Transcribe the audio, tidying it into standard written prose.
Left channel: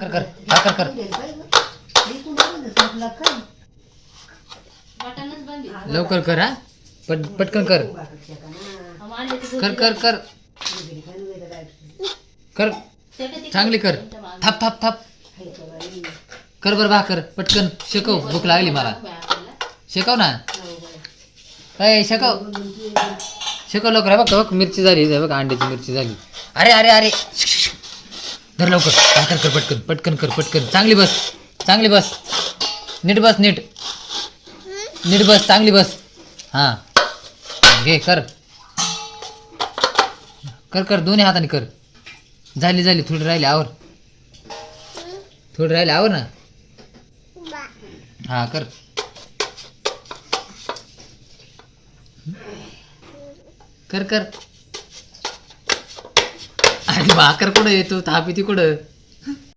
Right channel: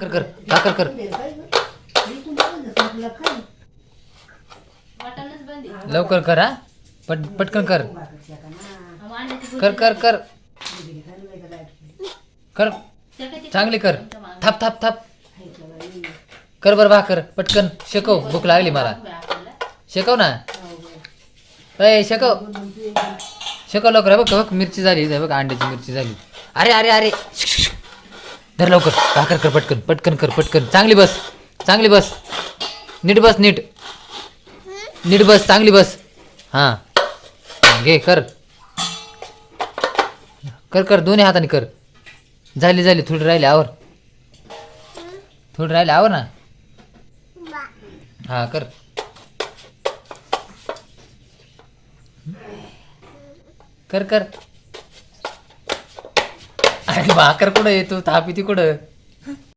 कर कर भाकर कर लवकर कर हा पटकन कर कर कर कर कर चांगली कर थाप थाप थाप कर बर भाकर पटकन शेकव भूक लागली मला शेकव ना अय शेकव शेकव लवकर आहे बघ मिरची झाली बघ अंड्याची मिरची झाली अरे अरे अरे धर लवकर भाकर कर पटकन पटकन कर पटकन चांगली बस नीट बस नीट बस चांगली बस हां घे कर कर कर दोन्ही हाताने कर झाली थोडी राहिली आवर ना हां कर कर कर आणि भाकर कुठं येतो थापी ती कुठं